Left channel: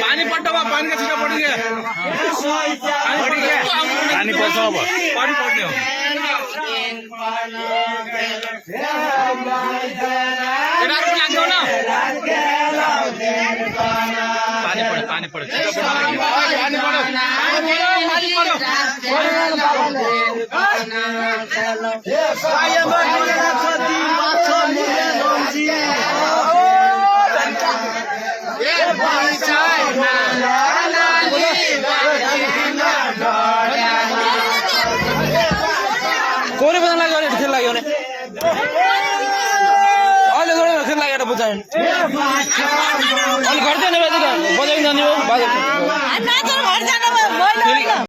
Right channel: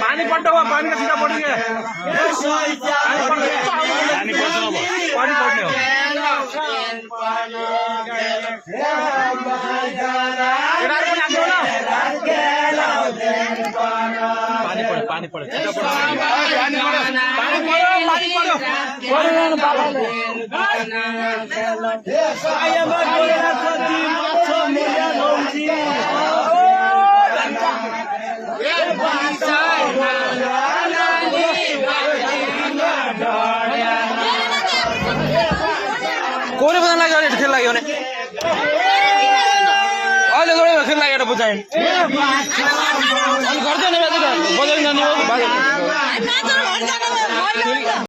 पानी पट्टा हुआ पानी का छीटा पड़ी है पानी पड़ता हुआ पानी पड़ने पानी पड़े कोने बदन लाग्यो भने खेल लाग्यो भने अहिले जोडे खेल लागेर बुझाइन अनि घर जाने बजाइ जाने हो